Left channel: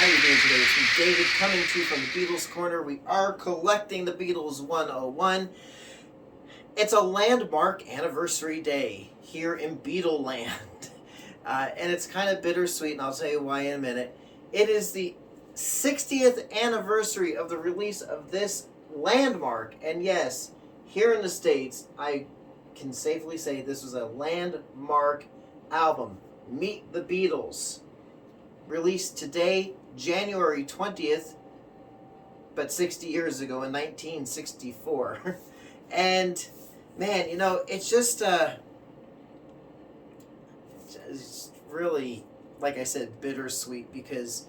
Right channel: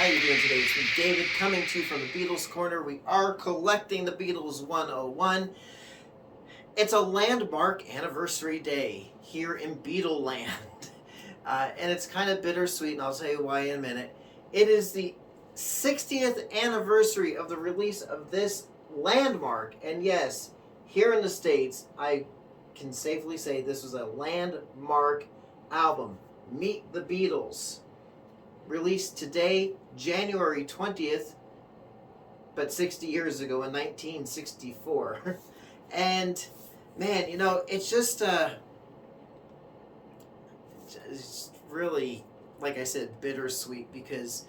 How you doing today? It's me, David, coming to you from the Beatles Corner. We are collecting the Beatles 101. It's a landmark anniversary day here in Beatle Land. And it's kind of bittersweet, and I'll tell you why in a minute. It is the 60th anniversary of the release of this landmark. And yes, here in the States, I can safely say this was a landmark album. Meet the Beatles. Released today, January 20th, but 60 years ago in 1964. And man, you know, it's just it's really, like I said, bittersweet because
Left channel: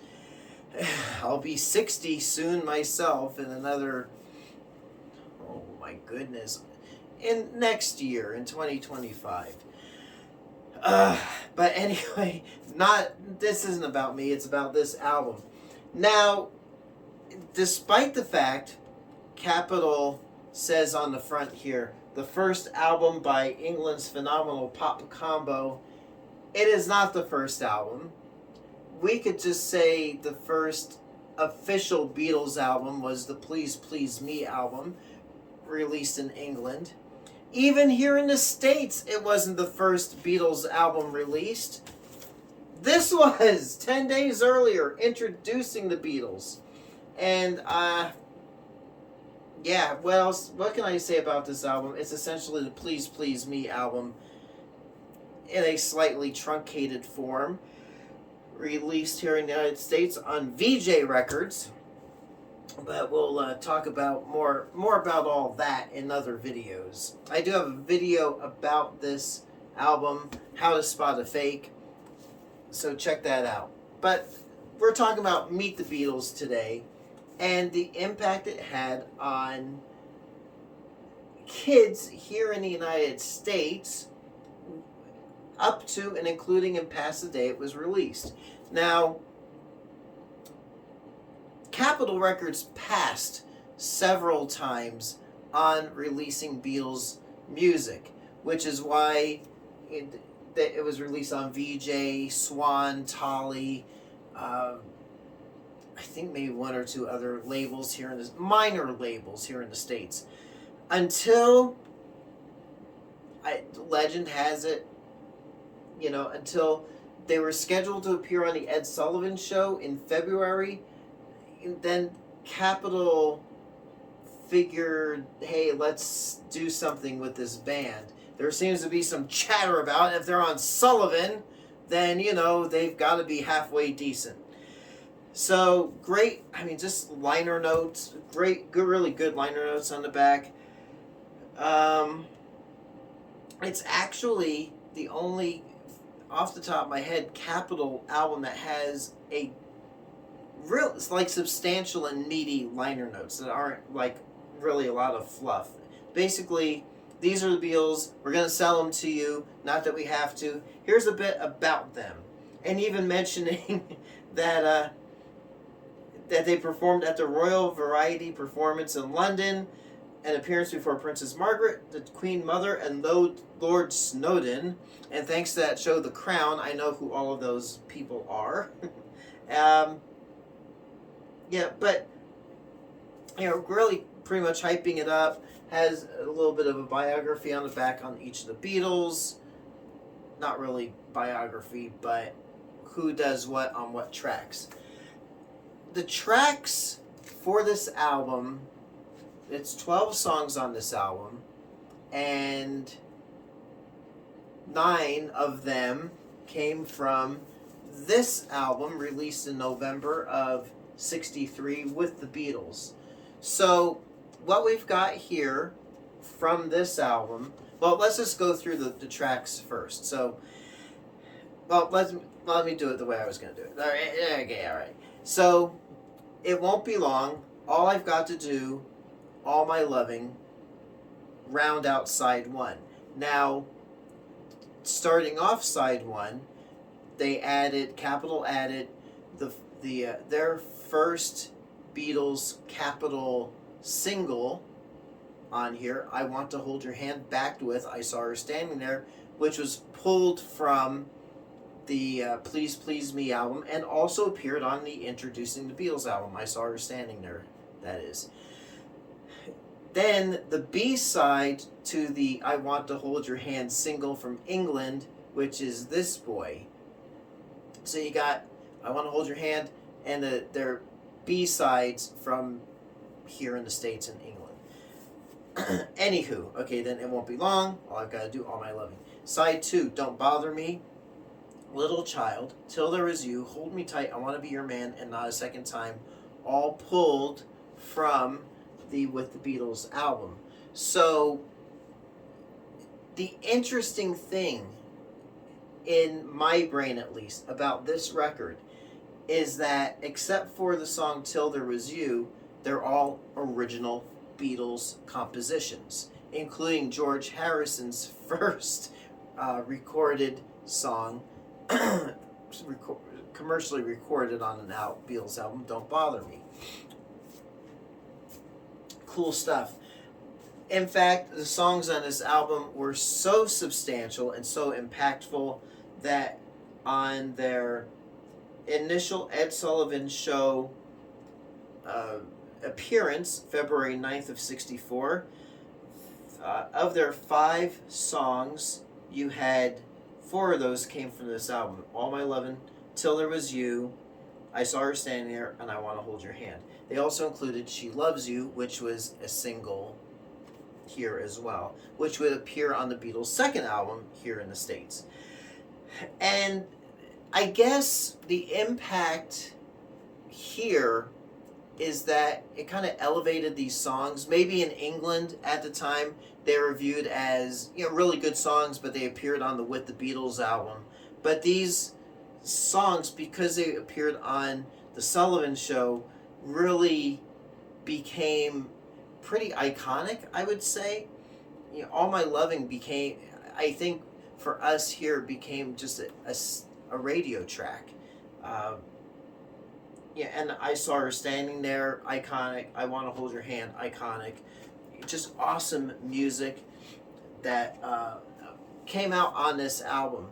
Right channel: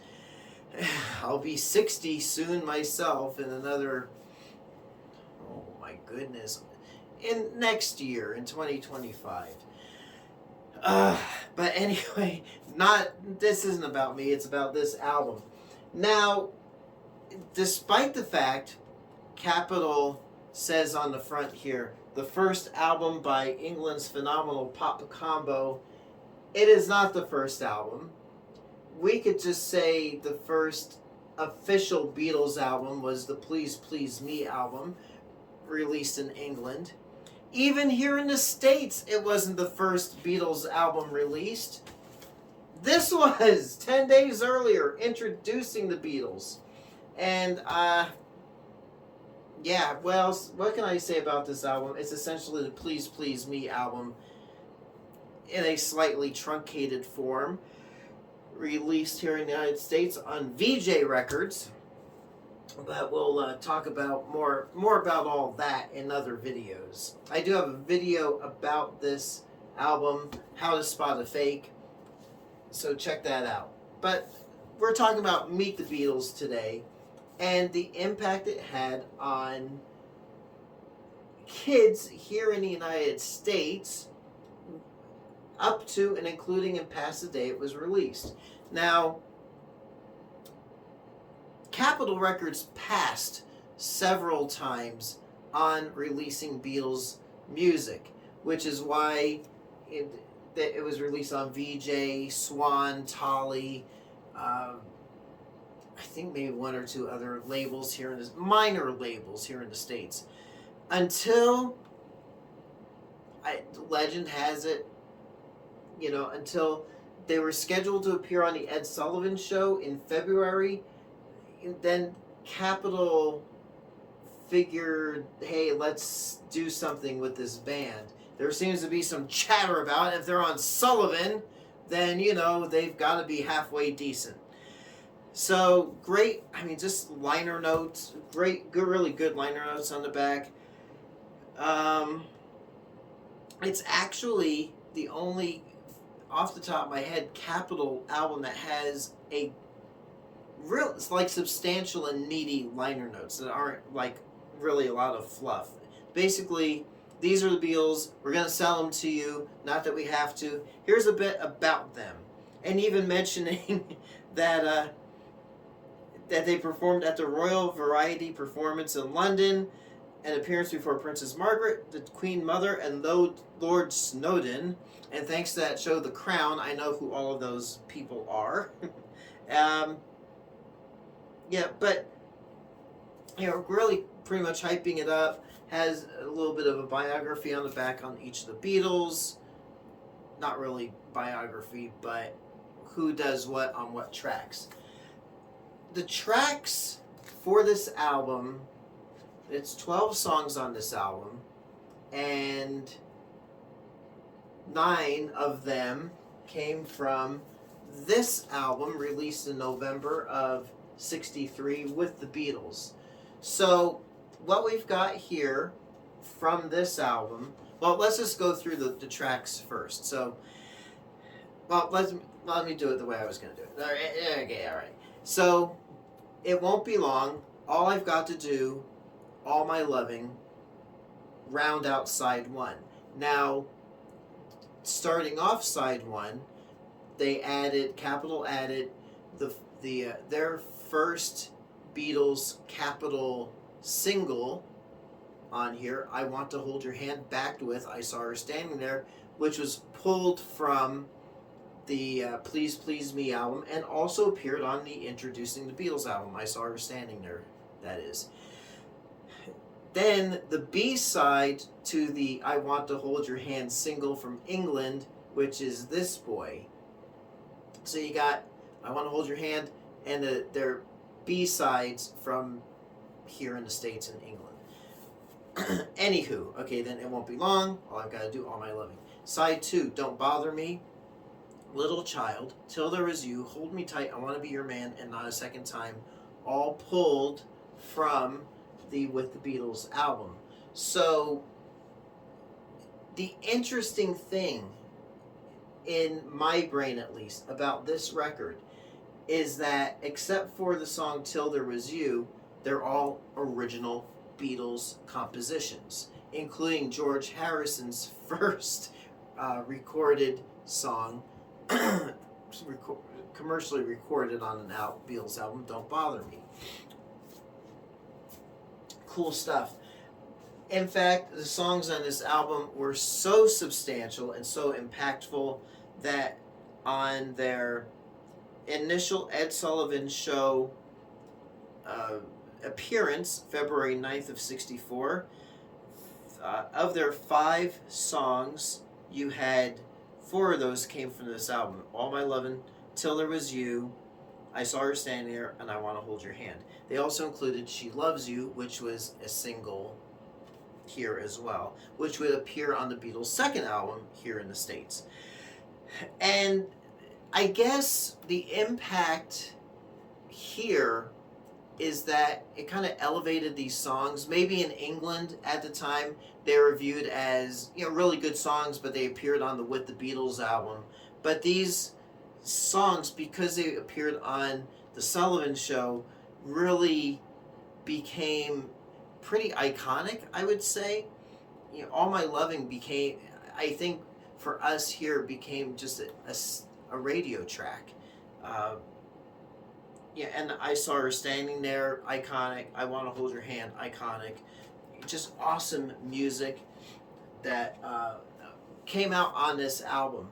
I'll be 60 soon myself in another, oh my goodness, in next year in 2025. But anyway, this isn't about me, it's about this album. Now, despite the fact Capitol says on the front here, the first album by England's phenomenal pop combo, it is not the first album. We could just say the first official Beatles album was the Please Please Me album, released in England. Even here in the States, it wasn't the first Beatles album released. This was 10 days earlier, introducing the Beatles. And, yeah, well, what can I say about this album? It's essentially the Please Please Me album in a slightly truncated form, released here in the United States on VJ Records. But we'll talk about more about all that in other videos. I do have a video about this album, How to Spot a Fake, so check that out. But we're talking about Meet the Beatles today and the impact it had on kids here in the United States up to and including and past the day it was released. Now, Capitol Records passed several times on releasing Beatles music, which is why it was released on VJ, Swan, Tolly, I think maybe one or two other labels here in this, minor labels here in the States. Until, legend has it, you know, until they were scheduled to appear on the Ed Sullivan Show in February. Then Capitol figured, hey, let's do something with this band. There seems to be some chatter about it. If they're on Sullivan, then, you know, they've got to be halfway decent. So, great, I mean, just liner notes, great, good, really good liner notes on the back. It's actually the only, off the top of my head, Capitol album that has a real, it's like substantial and meaty liner notes that aren't like really a lot of fluff. Basically, these are the Beatles. We're going to sell them to you. Not that we have to. Here's a bit about them. And even mentioning that that they performed at the Royal Variety Performance in London, an appearance before Princess Margaret, the Queen Mother, and Lord Snowdon. And thanks to that show, The Crown, I know who all of those people are. Yeah, but, you know, really pretty much hyping it up. Has a little bit of a biography on the back on each of the Beatles. Not really biography, but who does what on what tracks. The tracks for this album, it's 12 songs on this album, and 9 of them came from this album released in November of 63 with the Beatles. So what we've got here from this album, well, let's just go through the tracks first. So, well, let me do it the way I was going to do it. All right, okay, all right. So, It Won't Be Long, All I've Got to Do, All My Loving, round out side 1. Now, starting off side 1, Capitol added their first Beatles Capitol single on here, I Want to Hold Your Hand, backed with I Saw Her Standing There, which was pulled from the Please Please Me album, and also appeared on the Introducing the Beatles album. I Saw Her Standing There, that is. Then the B-side to the I Want to Hold Your Hand single from England, which is This Boy. So you got I Want to Hold Your Hand and their B-sides from here in the States and England. Anywho, okay, then It Won't Be Long, All I've Got to Do, All My Loving. Side 2, Don't Bother Me, Little Child, Till There Was You, Hold Me Tight, I Want to Be Your Man, and Not a Second Time, all pulled from the With the Beatles album. So the interesting thing, in my brain at least, about this record is that except for the song Till There Was You, they're all original Beatles compositions, including George Harrison's first recorded song, commercially recorded on an Beatles album, Don't Bother Me. Cool stuff. In fact, the songs on this album were so substantial and so impactful that on their initial Ed Sullivan Show appearance, February 9th of 64, of their 5 songs, you had 4 of those came from this album. All My Lovin', Till There Was You, I Saw Her Standing There, and I Want to Hold Your Hand. They also included She Loves You, which was a single here as well, which would appear on the Beatles' second album here in the States. And I guess the impact here is that it kind of elevated these songs. Maybe in England at the time, they were viewed as, you know, really good songs, but they appeared on the With the Beatles album. But these songs, because they appeared on the Sullivan Show, really became pretty iconic, I would say. You know, All My Loving became, I think for us here, became just a radio track. Yeah, and I Saw Her Standing There, iconic. I Want to Hold Your Hand, iconic. Just awesome music that came out on this album.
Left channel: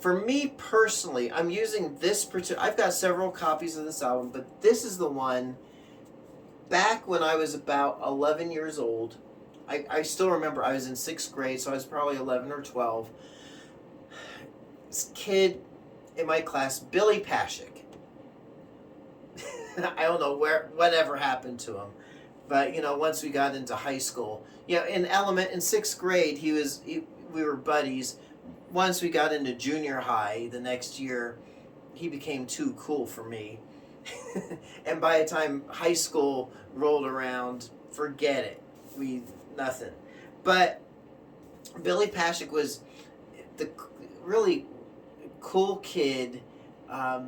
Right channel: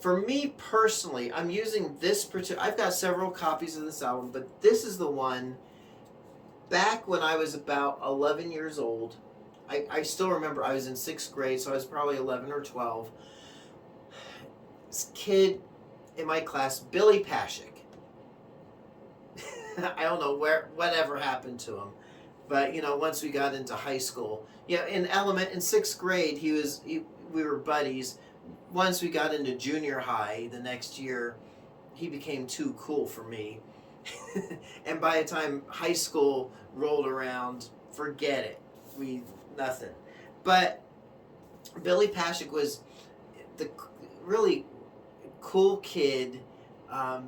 For me personally, I'm using this particular, I've got several copies of this album, but this is the one back when I was about 11 years old. I still remember I was in 6th grade, so I was probably 11 or 12. This kid in my class, Billy Pashik. I don't know whatever happened to him, but you know, once we got into high school, you know, in 6th grade, we were buddies. Once we got into junior high, the next year, he became too cool for me. And by the time high school rolled around, forget it. Nothing. But Billy Pashik was the really cool kid.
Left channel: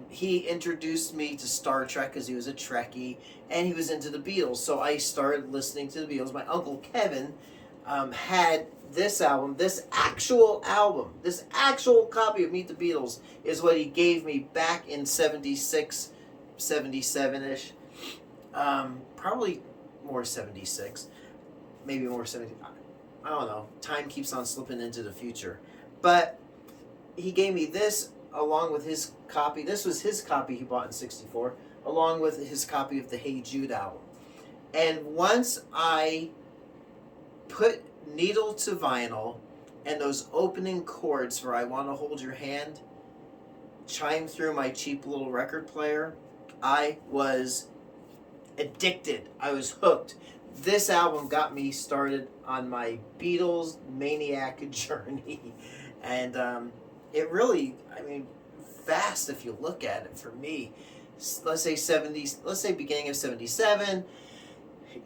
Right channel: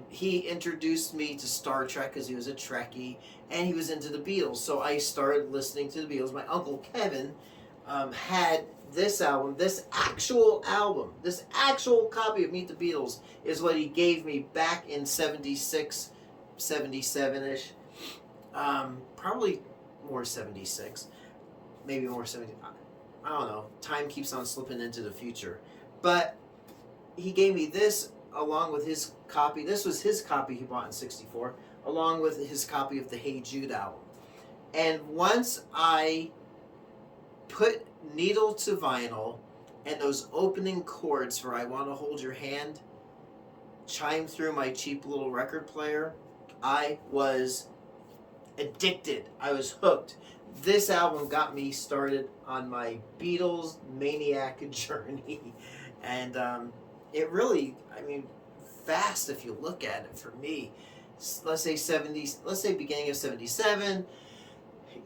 He introduced me to Star Trek because he was a Trekkie, and he was into the Beatles. So I started listening to the Beatles. My uncle Kevin had this album, this actual copy of Meet the Beatles is what he gave me back in 76, 77-ish. Probably more 76. Maybe more 70. I don't know. Time keeps on slipping into the future. But he gave me this along with his copy. This was his copy he bought in 64, along with his copy of the Hey Jude album. And once I put needle to vinyl and those opening chords for I Want to Hold Your Hand chime through my cheap little record player, I was addicted. I was hooked. This album got me started on my Beatles maniac journey. And it really, I mean, fast if you look at it for me. Let's say beginning of 77,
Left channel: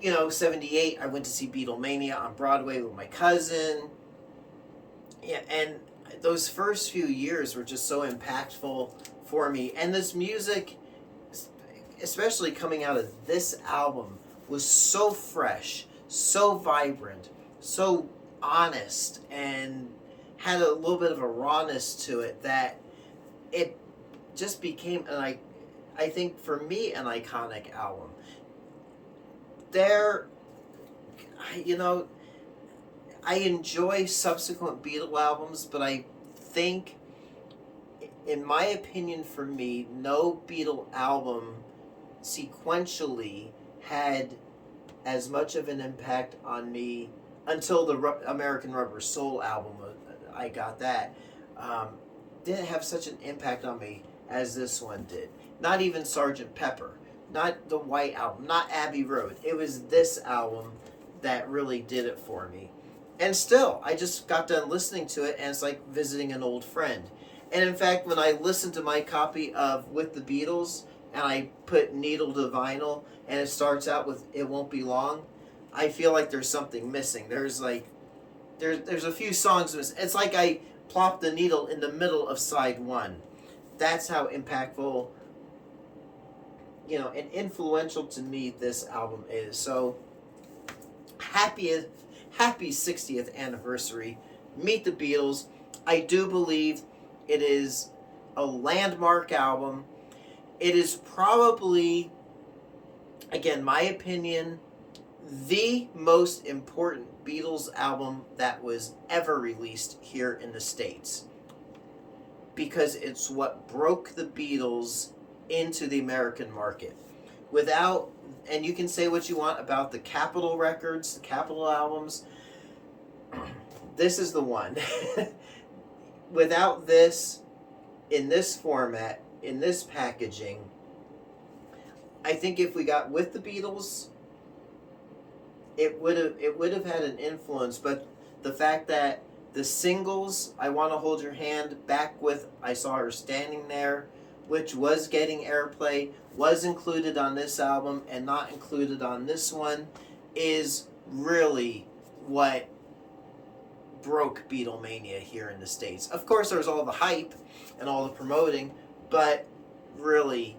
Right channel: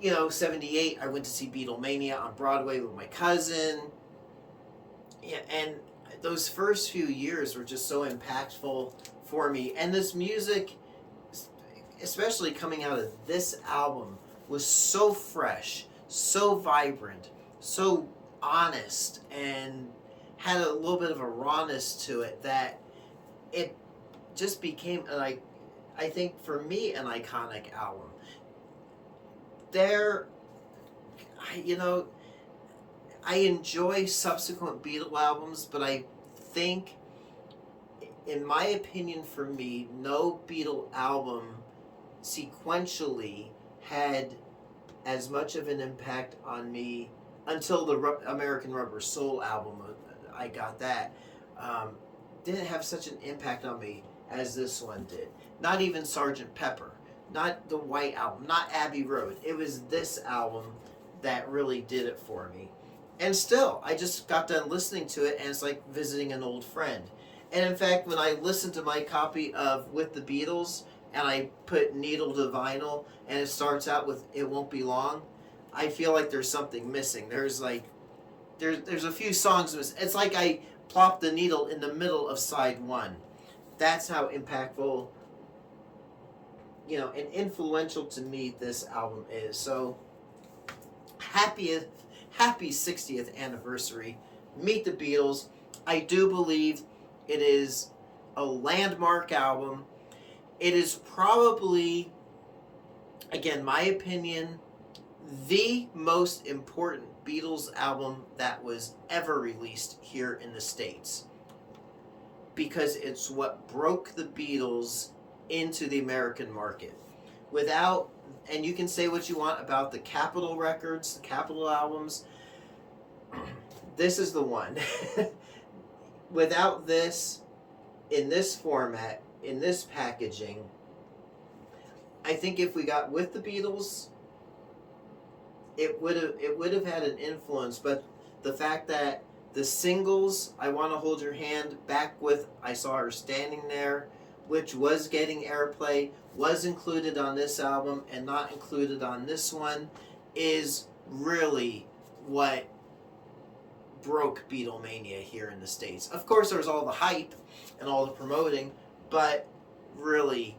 you know, 78, I went to see Beatlemania on Broadway with my cousin. Yeah, and those first few years were just so impactful for me. And this music, especially coming out of this album, was so fresh, so vibrant, so honest, and had a little bit of a rawness to it that it just became, I think for me, an iconic album. I enjoy subsequent Beatle albums, but I think in my opinion, for me, no Beatle album sequentially had as much of an impact on me until the American Rubber Soul album. I got that. Didn't have such an impact on me as this one did. Not even Sgt. Pepper, not the White Album, not Abbey Road. It was this album that really did it for me. And still, I just got done listening to it, and it's like visiting an old friend. And in fact, when I listened to my copy of With the Beatles, and I put needle to vinyl, and it starts out with "It Won't Be Long," I feel like there's something missing. There's a few songs missing. It's like I plopped the needle in the middle of side one. That's how impactful, and influential to me this album is. So happy 60th anniversary. Meet the Beatles. I do believe it is a landmark album. It is probably, again, my opinion, the most important Beatles album that was ever released here in the States, because it's what broke the Beatles into the American market. Without, and you can say what you want about the Capitol records, the Capitol albums, this is the one. Without this, in this format, in this packaging, I think if we got With the Beatles, it would have had an influence. But the fact that the singles, I Want to Hold Your Hand, back with I Saw Her Standing There, which was getting airplay, was included on this album and not included on this one, is really what broke Beatlemania here in the States. Of course, there was all the hype and all the promoting, but really,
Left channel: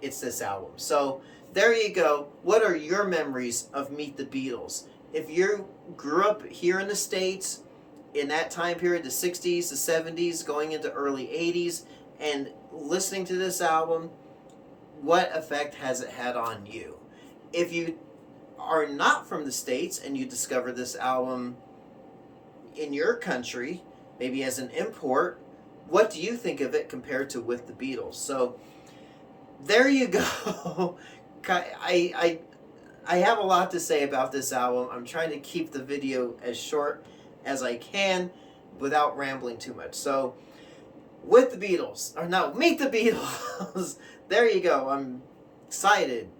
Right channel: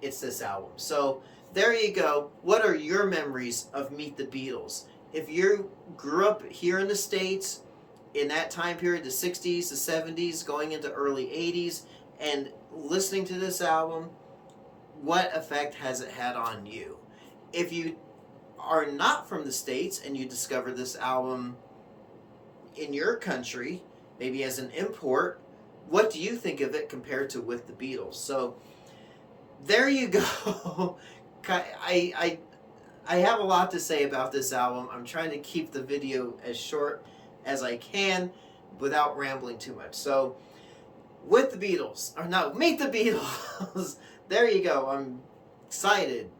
it's this album. So there you go. What are your memories of Meet the Beatles? If you grew up here in the States in that time period, the 60s, the 70s, going into early 80s, and listening to this album, what effect has it had on you? If you are not from the States and you discover this album in your country, maybe as an import, what do you think of it compared to With the Beatles? So there you go. I have a lot to say about this album. I'm trying to keep the video as short as I can without rambling too much. So With the Beatles, or no, Meet the Beatles. There you go. I'm excited.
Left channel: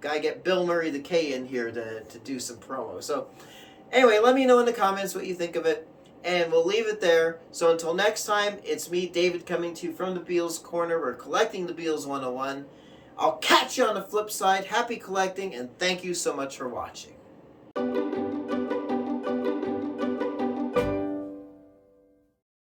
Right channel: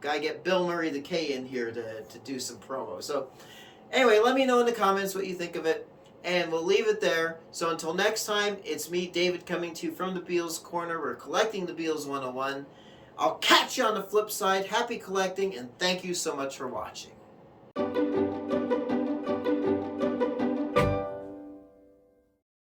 Gotta get Bill Murray the K in here to do some promo. So anyway, let me know in the comments what you think of it, and we'll leave it there. So until next time, it's me, David, coming to you from the Beatles Corner. We're collecting the Beatles 101. I'll catch you on the flip side. Happy collecting, and thank you so much for watching.